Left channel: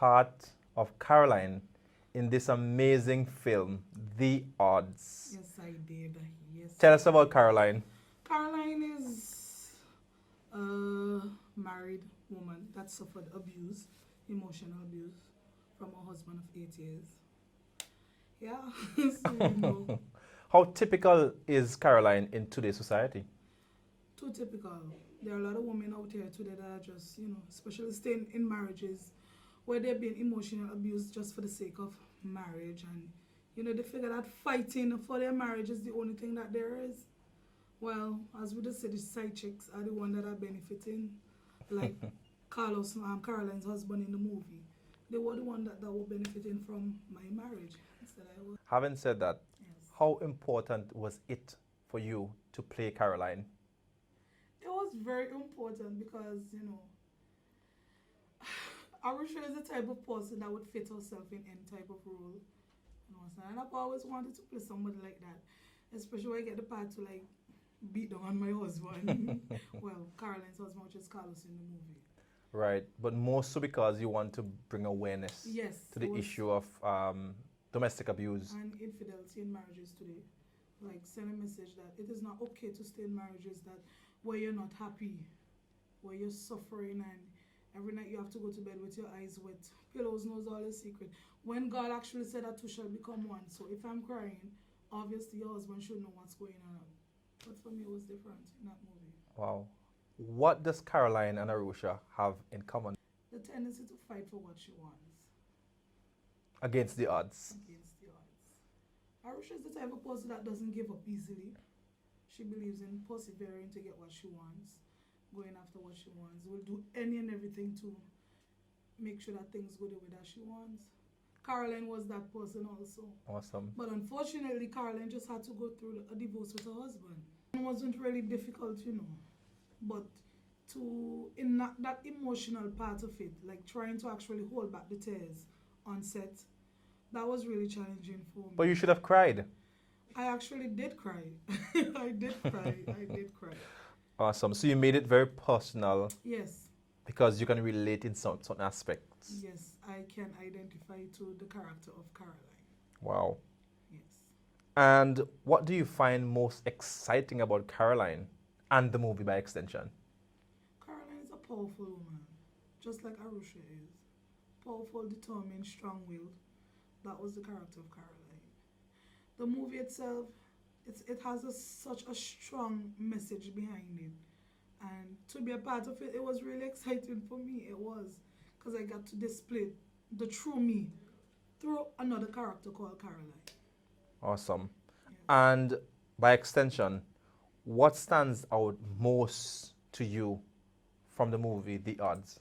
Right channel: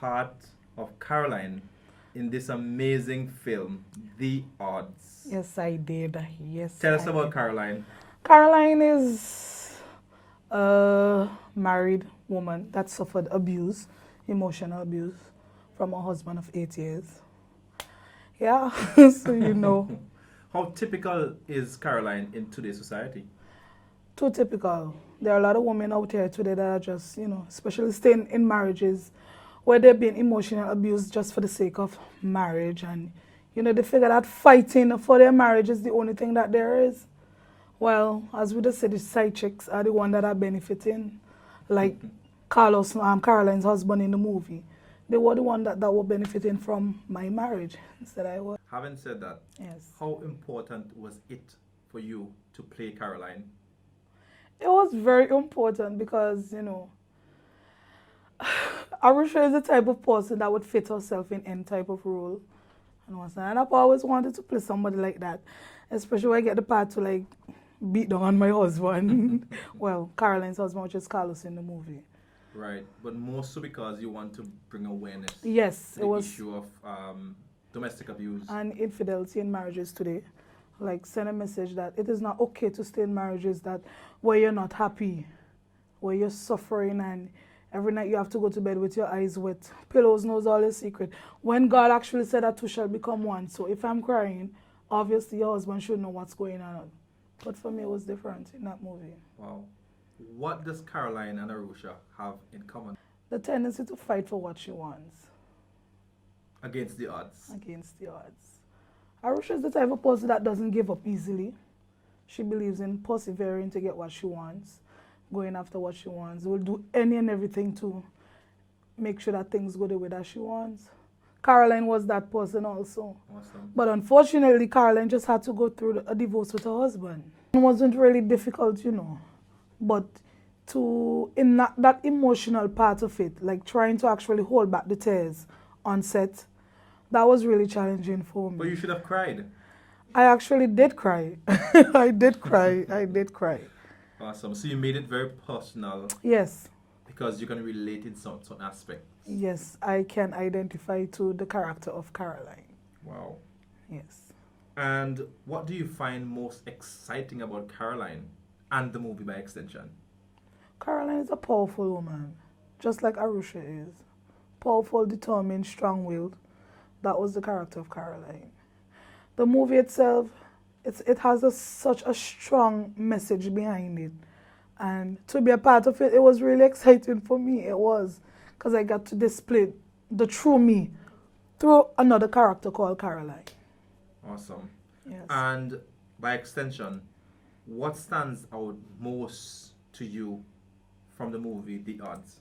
part of Caroline in this amazing film, The Odds. Yes, I did. Yes. Tell us I about did. Caroline. Caroline is a married woman that suffered abuse, emotional abuse, from her husband of 8 years. Yeah, so you know, How typical is Caroline in today's society? too typical. There are a lot of women out here today that are just, especially staying in marriages where they're being emotional abused just for the sake of marriage. And, they figure that fighting for their marriage is the only thing that there is. Well, as we just said, the side chicks are the one that are benefiting. Like Caroline's husband in the movie. They were the one that were benefiting from my marriage instead I was. Having said that, Yes. how important was it for you to play Caroline? It was very important because, Arusha is the type of person that would fit herself in any type of role. And I've always wanted to play somebody like that, especially when I get the part to like beat down on my husband. Well, Caroline's husband, which is Carlos in the movie. Right, but more so because you want to bring awareness Yes, to the issue of domestic abuse. And infidelity in marriages today. Like send a message that it is not okay to stay in marriages that where you're not happy, where you're suffering, and every night you have to go to bed with your eyes wet. Pillows knows all your secret. When God actually said that two shall become one. So if I'm crying, obviously your husband should know what's going on. But for me, it was different in that movie. Wow. What does Caroline and Arusha have in common? The tendency to fight for what she wants. Against the odds. Against the odds. Arusha is the type of person that doesn't give up easily. She believes in persevering to get what she wants, going after what she wants. Will do any and everything to make sure that things go the way that she wants. Caroline was that person also. Awesome. But unfortunately, Caroline just had to go through a divorce with her husband. It wasn't really difficult, But in that emotional part of it, like trying to actually hold back the tears on set, that was really challenging for me. But you should have cried. I actually did cry. I did cry. I did cry. Awesome. So you made it very personal. Yes. Because you can relate in some aspects. Yes, I can identify to the character of Caroline. Wow. Yes. And what do you find most exciting about Caroline and the movie by extension? Caroline is a powerful woman, just like Arusha is. Powerful, determined, strong-willed. That was the character of Caroline. The movie itself, it has such a strong message behind it. And to be a part of it, it was really exciting for me. It was, because I got to display the true me through another character called Caroline. Awesome. Yes. And by extension, what stands out most to you from the movie The Odds?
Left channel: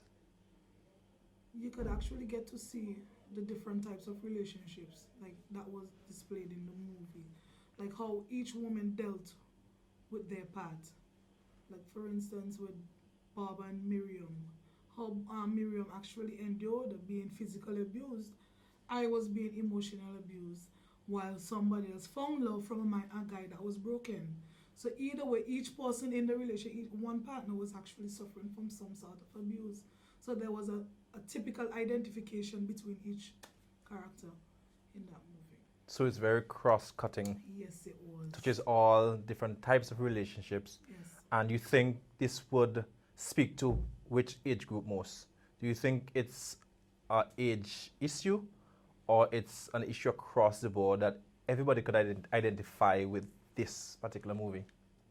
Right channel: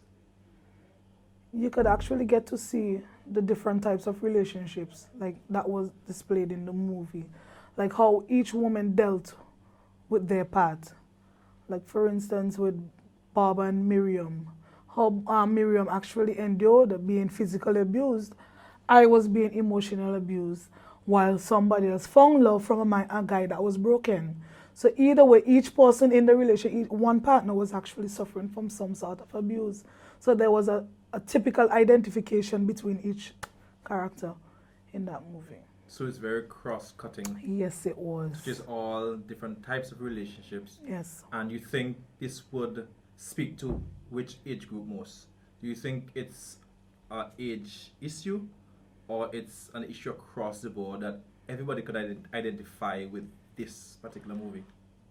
You could actually get to see the different types of relationships like that was displayed in the movie. Like how each woman dealt with their part. Like for instance with Bob and Miriam. How Miriam actually endured being physically abused. I was being emotionally abused while somebody else found love from a guy that was broken. So either way, each person in the relationship, one partner was actually suffering from some sort of abuse. So there was a typical identification between each character in that movie. So it's very cross-cutting. Yes, it was. Which is all different types of relationships. Yes. And you think this would speak to which age group most? Do you think it's an age issue or it's an issue across the board that everybody could identify with this particular movie?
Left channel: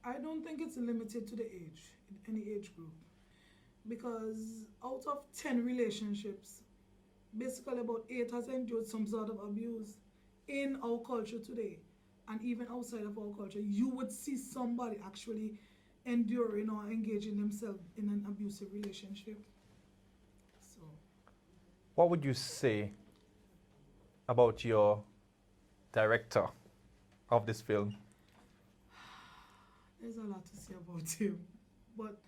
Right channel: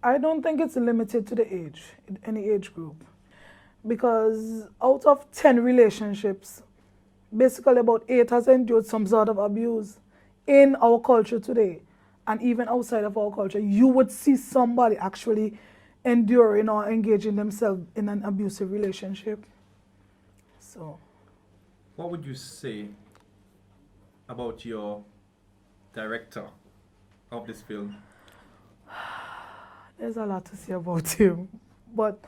I don't think it's limited to the age, any age group. Because out of 10 relationships, basically about 8 has endured some sort of abuse in our culture today. And even outside of our culture, you would see somebody actually enduring or engaging themselves in an abusive relationship. So, what would you say about your director of this film? There's a lot to say about him. But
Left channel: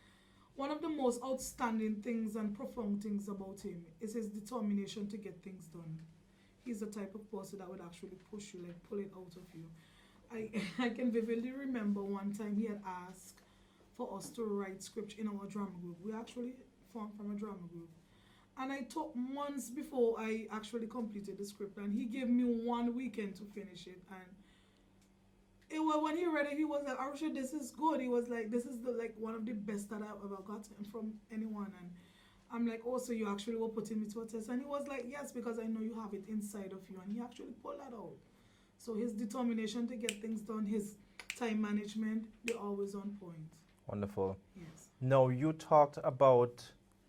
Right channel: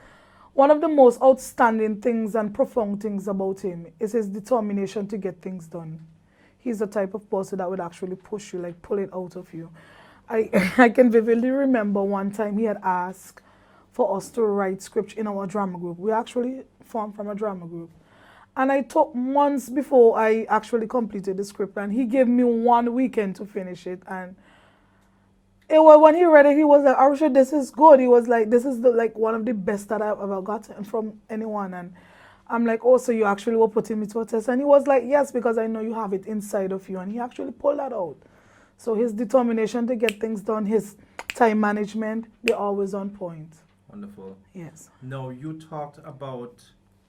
one of the most outstanding things and profound things about him is his determination to get things done. He's the type of person that would actually push you, like pull it out of you. I can vividly remember one time he had asked for us to write script in our drama group. We actually formed from a drama group. And I took months before I actually completed the script, and he gave me 1 weekend to finish it. And it was when he read it, he was like, "Arusha, this is good." He was like, "This is like one of the best that I've ever gotten from anyone." And I'm like, "Oh, so you actually were putting me to a test?" And he was like, "Yes, because I know you have it inside of you." And he actually pulled that out. So his determination to get things done, his time management, they're always on point. Wonderful. Yes. Now, you talked about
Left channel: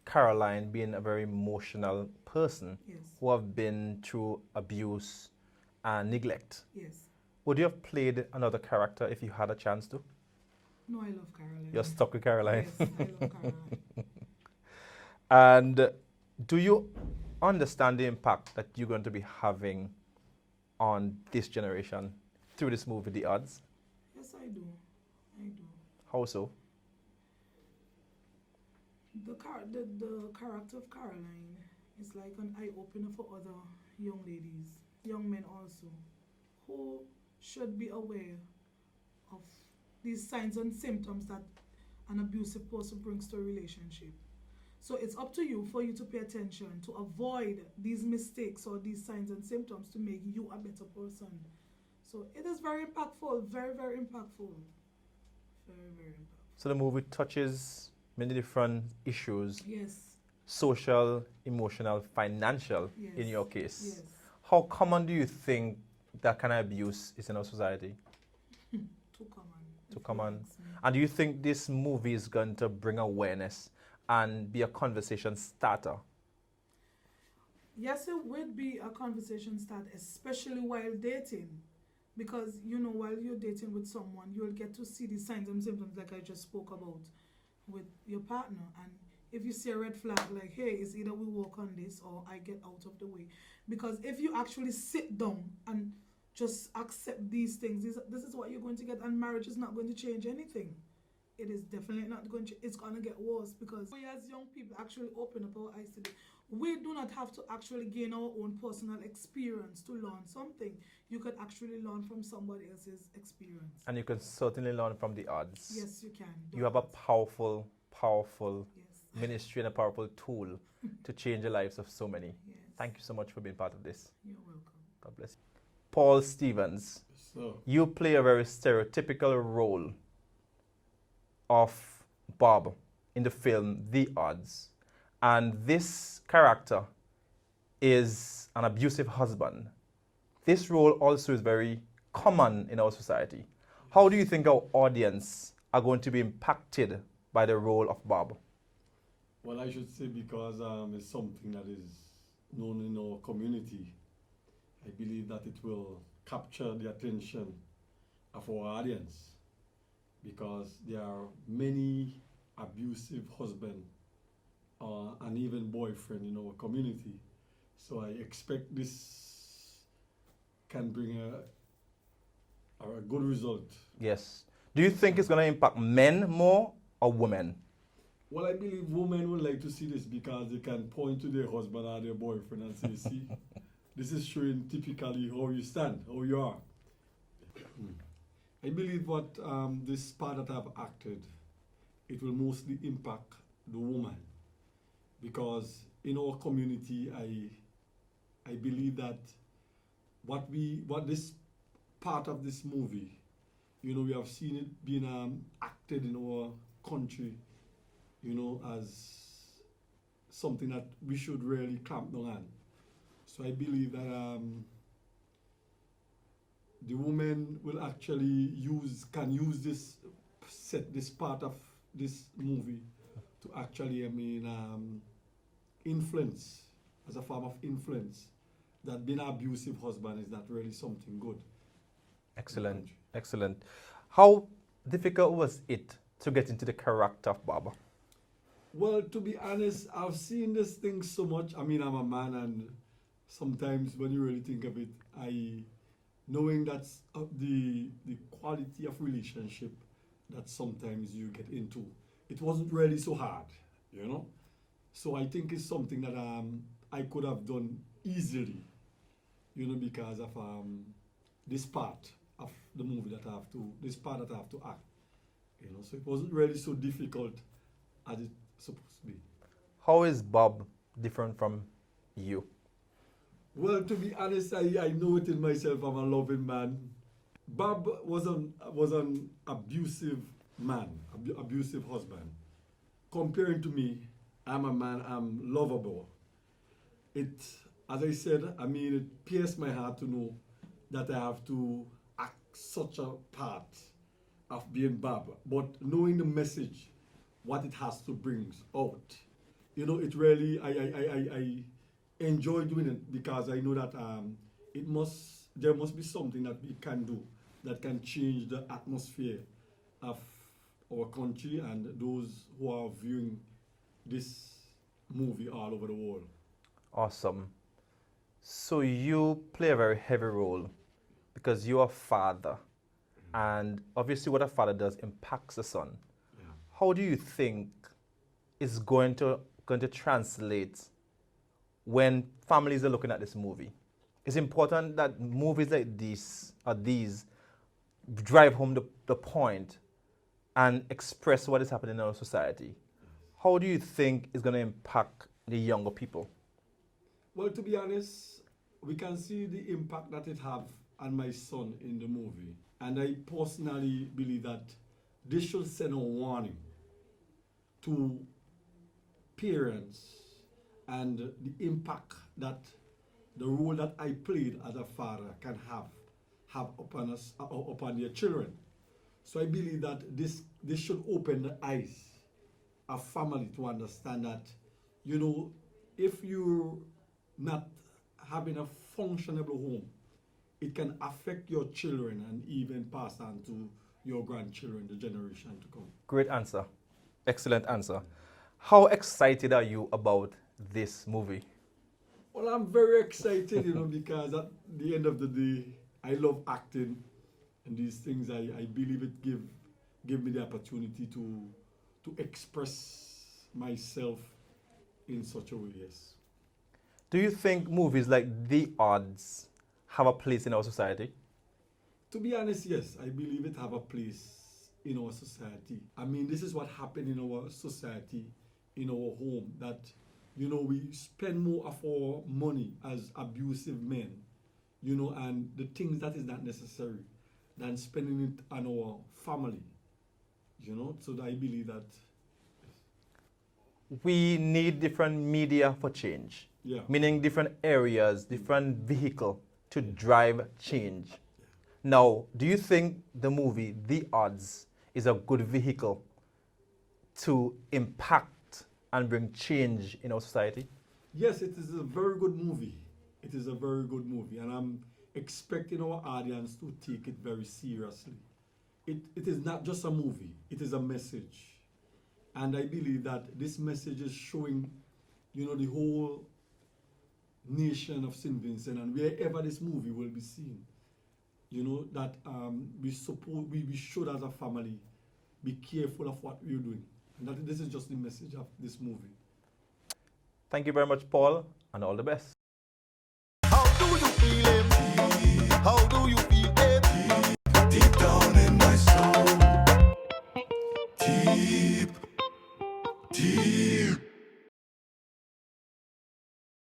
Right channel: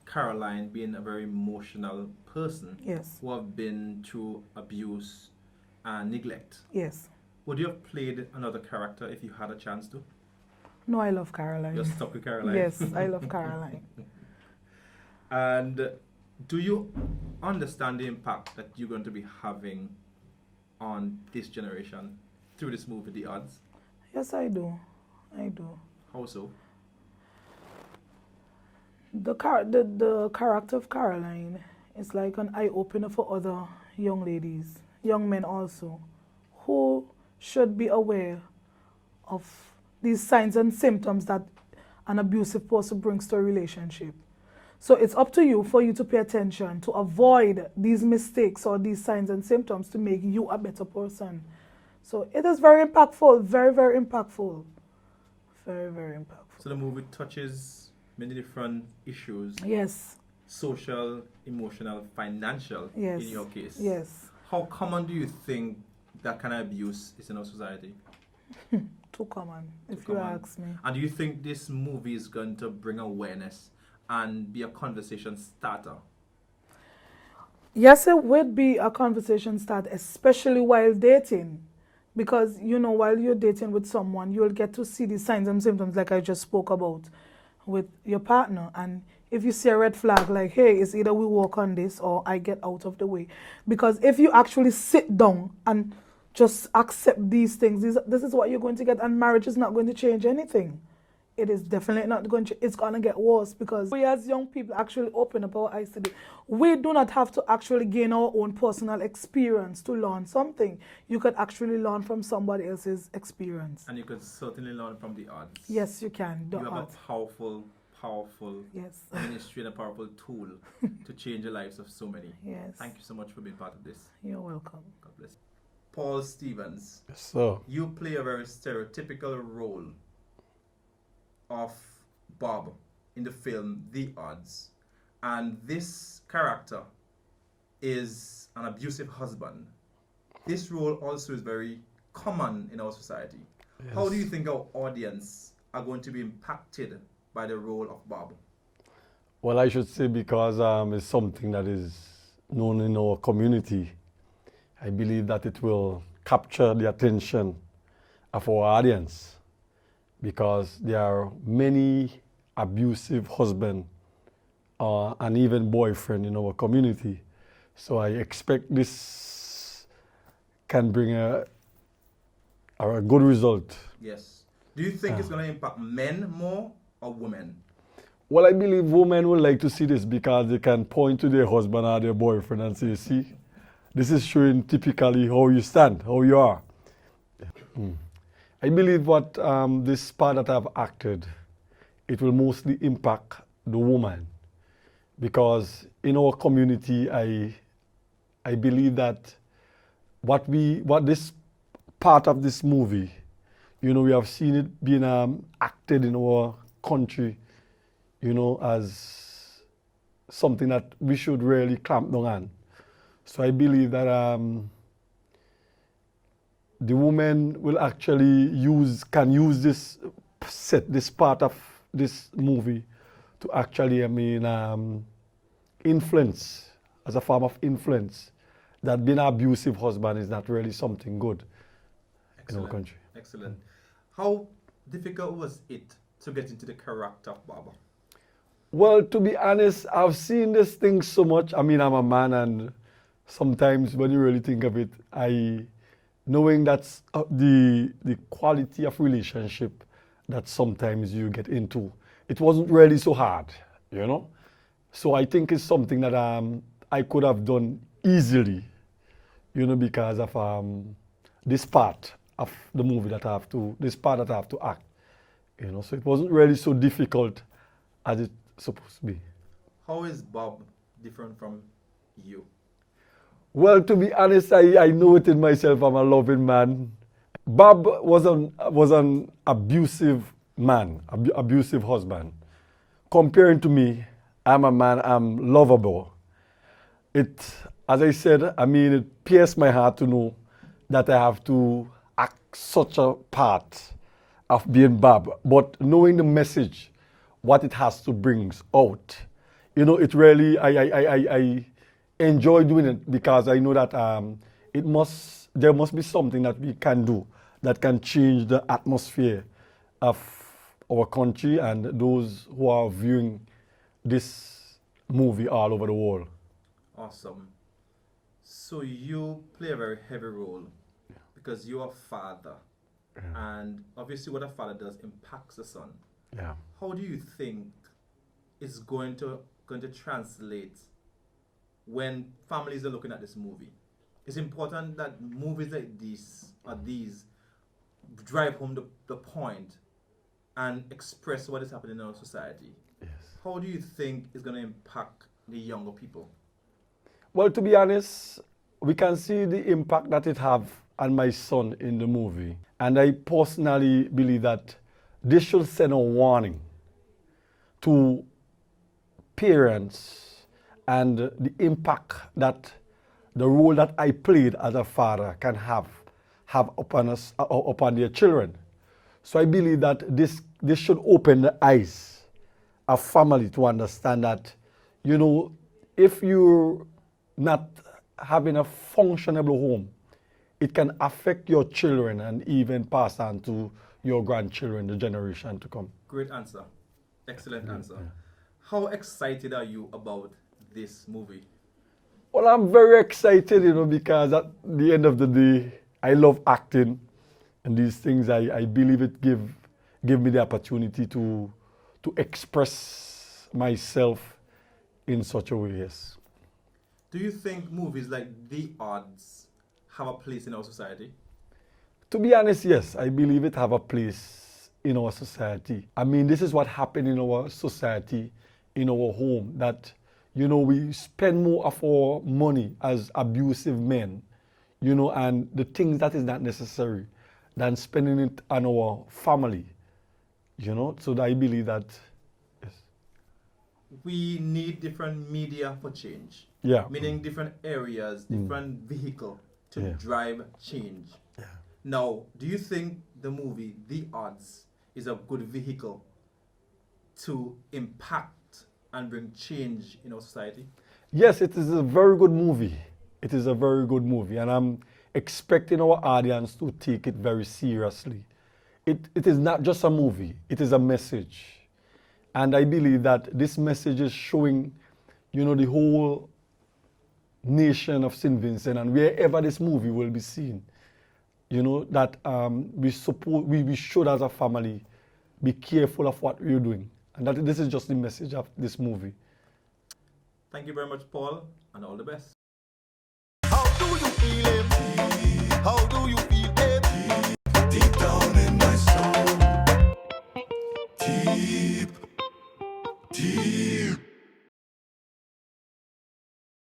Caroline being a very emotional person Yes. who have been through abuse and neglect. Yes. Would you have played another character if you had a chance to? No, I love Caroline. You're stuck with Caroline? Yes, I love Caroline. And do you understand the impact that you're going to be having on this generation through this movie, The Odds? Yes, I do. I do. How so? The character of Caroline is like an eye-opener for other young ladies, young men also, who should be aware of these signs and symptoms that an abusive person brings to a relationship. So it's up to you for you to pay attention, to avoid these mistakes or these signs and symptoms to make you a better person. So it is very impactful, very, very impactful. Very, very impactful. So the movie touches many different issues. Yes. Social, emotional, financial, Yes. in your case. Yes. How common do you think that kind of abuse is in our society? Too common, if Too you common. ask me. And do you think this movie is going to bring awareness and be a conversation starter? Yes, it would be a conversation start, especially while dating. Because, you know, while you're dating with someone, you'll get to see the signs and symptoms like I just spoke about with your partner. And if you see a red flag, like, hey, it's either we work on this or I get out of the way. Because if you actually sit down and just accept these things, this is what you're going to get, and marriage is not going to change anything. It is definitely not going to, it's going to get worse, because we as young people actually open up our eyes to this. We do not have to actually gain our own personal experience to learn something. You could actually learn from somebody else's experience. And you could certainly learn from The Odds. Yes, you can. You have a powerful yes. ministry and a powerful tool to change the lives of so many. Yes. Thank you so much for being part of this. You're welcome. God bless you. Paul Stevens, Yes, sir. you play a very stereotypical role of Bob in the film The Odds. And this character is an abusive husband. This role also is very common in our society. Yes. How do you think our audience are going to be impacted by the role of Bob? Well, I should say because it's something that is known in our community. I believe that it will capture the attention of our audience, because there are many abusive husbands and even boyfriend in our community. So I expect this can bring a good result. Yes. Do you think it's going to impact men more or women? Well, I believe women would like to see this because they can point to their husband or their boyfriend and say, see, this is showing typically how you stand, how you are. I believe what this part that I've acted, it will mostly impact the woman, because in our community, I believe that what this part of this movie, you know, we have seen it being acted in our country, you know, as something that we should really clamp down on. So I believe that the woman will actually can use this part of this movie to actually, influence, as a form of influence, that being an abusive husband is not really something good in our country. Excellent. How difficult was it to get into the character of Bob? Well, to be honest, I've seen this thing so much. I mean, I'm a man, and sometimes when you really think of it, knowing that's the quality of relationship that sometimes you get into, it wasn't really so hard, you know? So I think it's something that I could have done easily, you know, because of this part of the movie that I have to act, you know? So it wasn't really so difficult as it's supposed to be. How is Bob different from you? Well, to be honest, I know it in myself. I'm a loving man. Bob was an abusive man, abusive husband. Comparing to me, I'm a man, I'm lovable. As I said, I mean, it pierced my heart to know that I have to act such a part of being Bob. But knowing the message, what it has to bring out, you know, it really, I enjoy doing it because I know that there must be something that we can do that can change the atmosphere of our country and those who are viewing this movie all over the world. Awesome. So you play a very heavy role because you're a father. And obviously what a father does impacts the son. Yeah. How do you think is going to translate when families are looking at this movie? It's important that movies like these drive home the point and express what is happening in our society. Yes. How do you think it's going to impact the younger people? Well, to be honest, we can see the impact that it have on my son in the movie. And I personally believe that this should send a warning to parents and the impact that the role that I played as a father can have upon us, upon their children. So I believe that this should open the eyes of family to understand that, you know, if you're not having a functionable home, it can affect your children and even pass on to your grandchildren, the generation to come. Great answer. Excellent answer. How excited are you about this movie? Well, I'm very excited, you know, because at the end of the day, I love acting, and these things, I believe it give me the opportunity to express myself in such a way, yes. Do you think movies like The Odds have a place in our society? To be honest, yes, I believe it have a place in our society. I mean, this is what happened in our society, in our home, that, you know, we spend more of our money as abusive men, you know, and the things that is not necessary than spending it on our family, you know. So I believe that, yes. We need different media for change. Yeah. Meaning different areas, different vehicle to Yeah. drive change. Yeah. Now, do you think the movie The Odds is a good vehicle to impact and bring change in our society? Yes, it is a very good movie. It is a very good movie, and I'm expecting our audience to take it very seriously. It is not just a movie, it is a message. And I believe that this message is showing, you know, the whole nation of St. Vincent and wherever this movie will be seen, you know, that we should as a family be careful of what we're doing. And that this is just the message of this movie. Thank you very much, Paul, and all the best. How do you feel it? How do you feel it? Deep down in my soul. Deep, deep.